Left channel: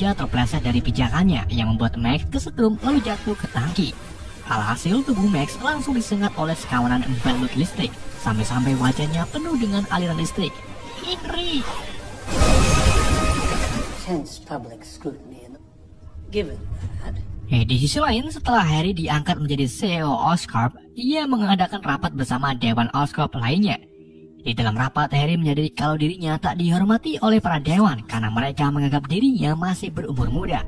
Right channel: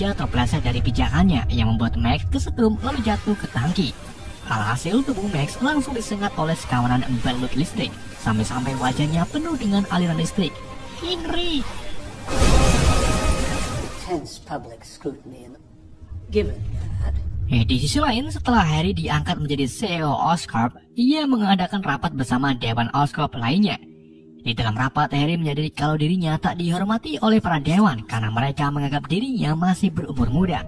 sengaja terpeleset dari pijakannya yang membuat Max kesetrum lalu jatuh ke tangki. Alhasil tubuh Max langsung disengat oleh sekawanan balut listrik sampai-sampai wajahnya penuh dengan aliran listrik. Henry! Intense public scrutiny and given that. Di sisi lain, setelah Harry diangkat menjadi CEO Oscorp, ia mengadakan rapat bersama Dewan Oscorp lainnya. Di dalam rapat, Harry menyadari kalau dirinya tak dihormati oleh para dewan karena mereka menganggap dirinya masih berumur muda.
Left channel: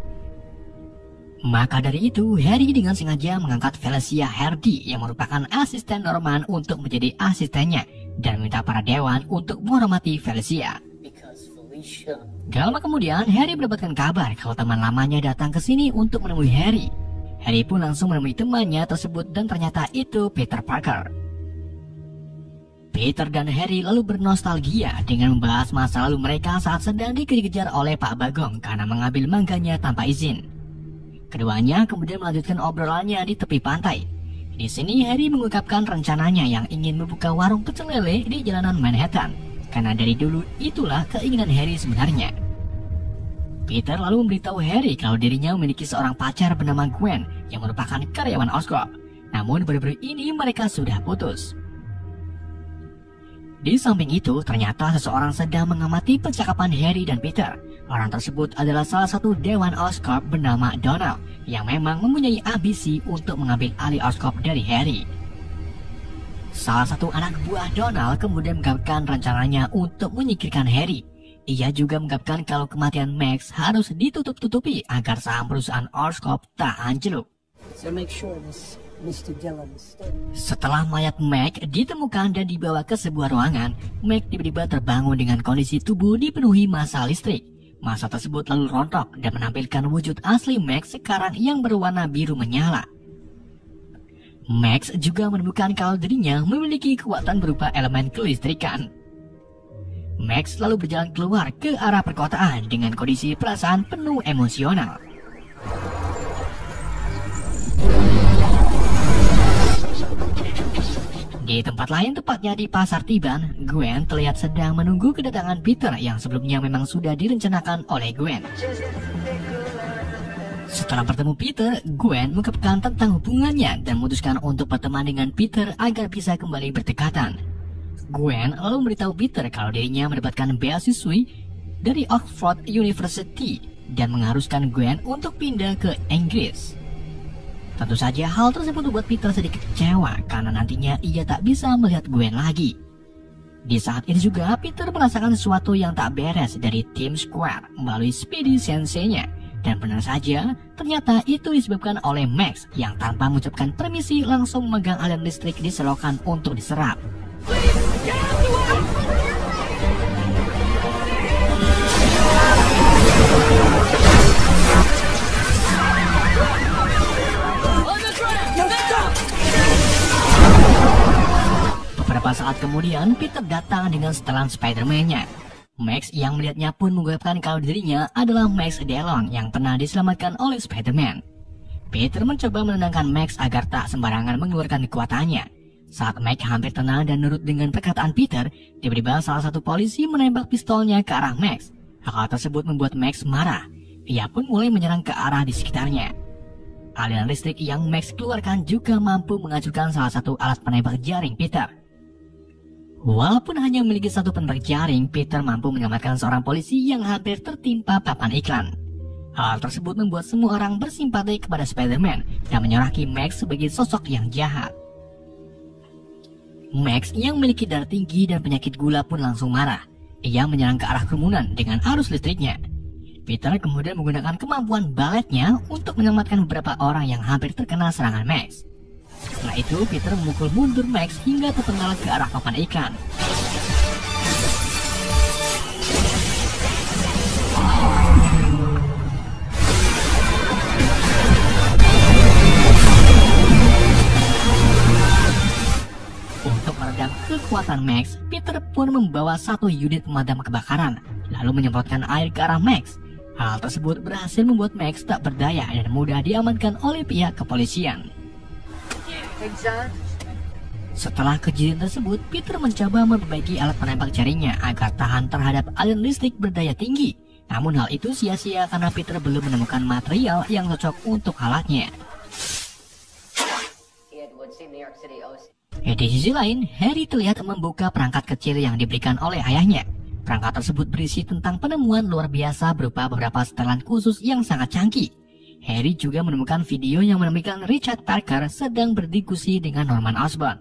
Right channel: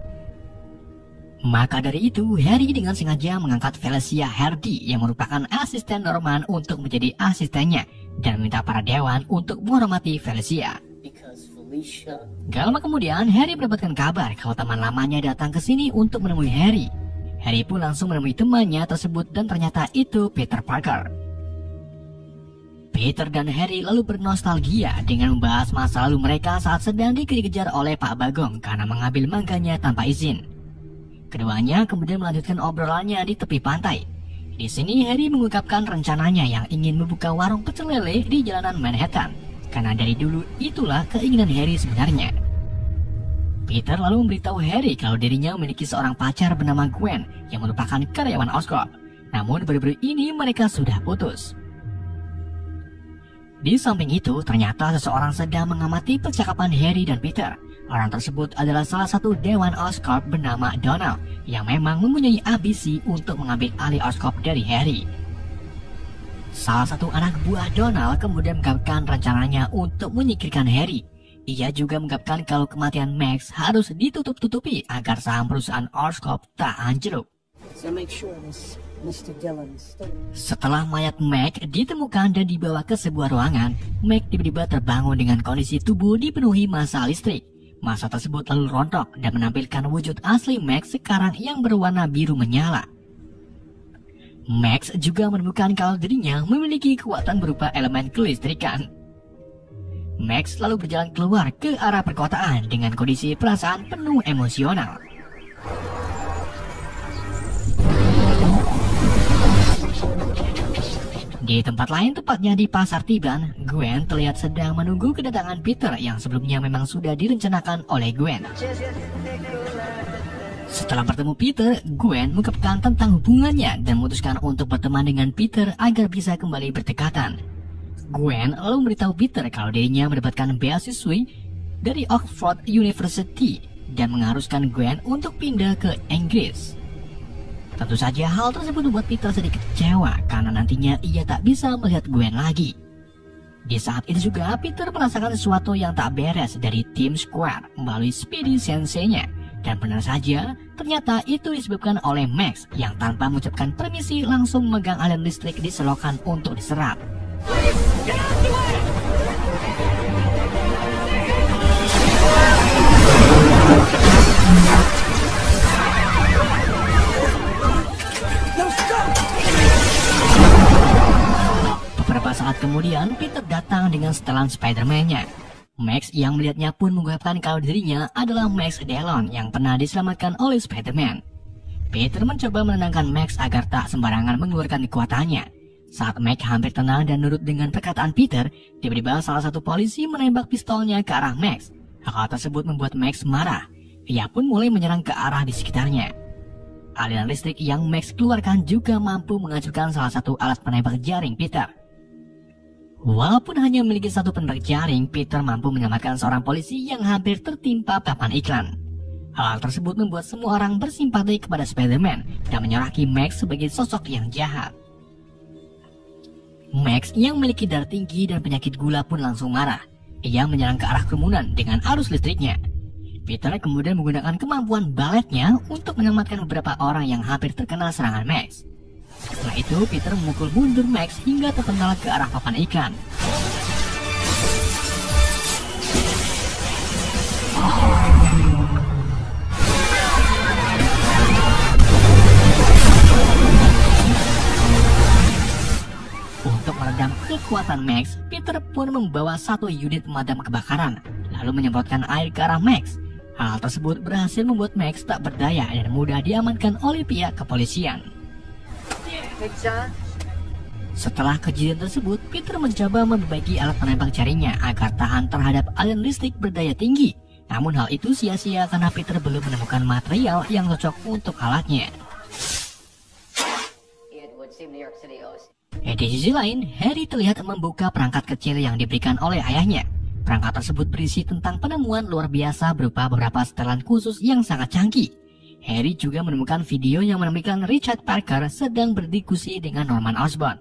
Maka dari itu, Harry dengan sengaja mengangkat Felicia Hardy yang merupakan asisten Norman untuk menjadi asistennya dan meminta para dewan untuk menghormati Felicia. Gak lama kemudian, Harry mendapatkan kabar kalau teman lamanya datang ke sini untuk menemui Harry. Harry pun langsung menemui temannya tersebut dan ternyata itu Peter Parker. Peter dan Harry lalu bernostalgia dengan membahas masa lalu mereka saat sedang dikejar-kejar oleh Pak Bagong karena mengambil mangganya tanpa izin. Keduanya kemudian melanjutkan obrolannya di tepi pantai. Di sini Harry mengungkapkan rencananya yang ingin membuka warung pecel lele di jalanan Manhattan. Karena dari dulu itulah keinginan Harry sebenarnya. Peter lalu memberitahu Harry kalau dirinya memiliki seorang pacar bernama Gwen yang merupakan karyawan Oscorp. Namun baru-baru ini mereka sudah putus. Di samping itu, ternyata seseorang sedang mengamati percakapan Harry dan Peter. Orang tersebut adalah salah satu dewan Oscorp bernama Donald yang memang mempunyai ambisi untuk mengambil alih Oscorp dari Harry. Salah satu anak buah Donald kemudian mengungkapkan rencananya untuk menyingkirkan Harry. Ia juga mengungkapkan kalau kematian Max harus ditutup-tutupi agar saham perusahaan Oscorp tak anjlok. Setelah mayat Max ditemukan dan dibawa ke sebuah ruangan, Max tiba-tiba terbangun dengan kondisi tubuh dipenuhi massa listrik. Massa tersebut lalu rontok dan menampilkan wujud asli Max sekarang yang berwarna biru menyala. Max juga menemukan kalau dirinya memiliki kekuatan berupa elemen kelistrikan. Max lalu berjalan keluar ke arah perkotaan dengan kondisi perasaan penuh emosional. Di tempat lain, tepatnya di Pasar Tiban, Gwen terlihat sedang menunggu kedatangan Peter yang sebelumnya memang sudah direncanakan oleh Gwen. Setelah bertemu Peter, Gwen mengungkapkan tentang hubungannya dan memutuskan untuk berteman dengan Peter agar bisa kembali berdekatan. Gwen lalu memberitahu Peter kalau dirinya mendapatkan beasiswa dari Oxford University dan mengharuskan Gwen untuk pindah ke Inggris. Tentu saja hal tersebut membuat Peter sedikit kecewa karena nantinya ia tak bisa melihat Gwen lagi. Di saat itu juga Peter merasakan sesuatu yang tak beres dari tim Square melalui Speedy Sensei-nya. Dan benar saja, ternyata itu disebabkan oleh Max yang tanpa mengucapkan permisi langsung memegang aliran listrik di selokan untuk diserap. Beberapa saat kemudian, Peter datang dengan setelan Spider-Man-nya. Max yang melihatnya pun mengungkapkan kalau dirinya adalah Max Dillon yang pernah diselamatkan oleh Spider-Man. Peter mencoba menenangkan Max agar tak sembarangan mengeluarkan kekuatannya. Saat Max hampir tenang dan nurut dengan perkataan Peter, tiba-tiba salah satu polisi menembak pistolnya ke arah Max. Hal tersebut membuat Max marah. Ia pun mulai menyerang ke arah di sekitarnya. Aliran listrik yang Max keluarkan juga mampu menghancurkan salah satu alat penembak jaring Peter. Walaupun hanya memiliki satu penembak jaring, Peter mampu menyelamatkan seorang polisi yang hampir tertimpa papan iklan. Hal tersebut membuat semua orang bersimpati kepada Spider-Man dan menyoraki Max sebagai sosok yang jahat. Max yang memiliki darah tinggi dan penyakit gula pun langsung marah. Ia menyerang ke arah kerumunan dengan arus listriknya. Peter kemudian menggunakan kemampuan baletnya untuk menyelamatkan beberapa orang yang hampir terkena serangan Max. Setelah itu, Peter memukul mundur Max hingga terpental ke arah papan iklan. Untuk meredam kekuatan Max, Peter pun membawa satu unit pemadam kebakaran, lalu menyemprotkan air ke arah Max. Hal tersebut berhasil membuat Max tak berdaya dan mudah diamankan oleh pihak kepolisian. Setelah kejadian tersebut, Peter mencoba memperbaiki alat penembak jaringnya agar tahan terhadap aliran listrik berdaya tinggi. Namun hal itu sia-sia karena Peter belum menemukan material yang cocok untuk alatnya. Di sisi lain, Harry terlihat membuka perangkat kecil yang diberikan oleh ayahnya. Perangkat tersebut berisi tentang penemuan luar biasa berupa beberapa setelan khusus yang sangat canggih. Harry juga menemukan video yang menemukan Richard Parker sedang berdiskusi dengan Norman Osborn.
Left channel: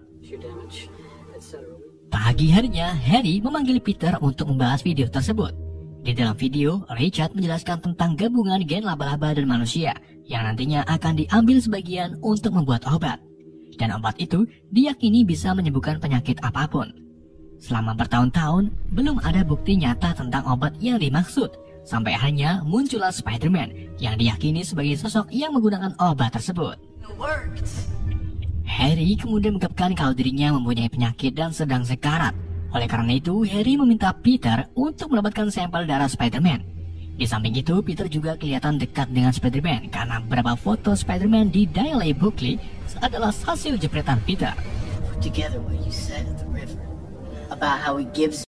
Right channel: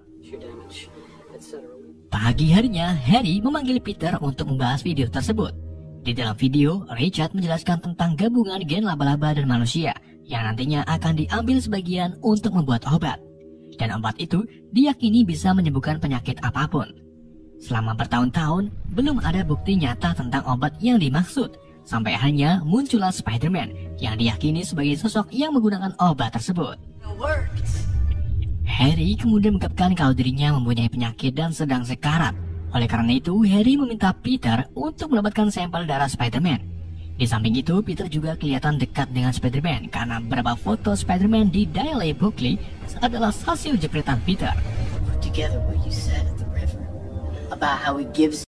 Pagi harinya, Harry memanggil Peter untuk membahas video tersebut. Di dalam video, Richard menjelaskan tentang gabungan gen laba-laba dan manusia yang nantinya akan diambil sebagian untuk membuat obat. Dan obat itu diyakini bisa menyembuhkan penyakit apapun. Selama bertahun-tahun, belum ada bukti nyata tentang obat yang dimaksud, sampai hanya muncullah Spider-Man yang diyakini sebagai sosok yang menggunakan obat tersebut. Harry kemudian mengungkapkan kalau dirinya mempunyai penyakit dan sedang sekarat. Oleh karena itu, Harry meminta Peter untuk mendapatkan sampel darah Spider-Man. Di samping itu, Peter juga kelihatan dekat dengan Spider-Man karena beberapa foto Spider-Man di Daily Booklet adalah hasil jepretan Peter. Together what you said at the river about how he gives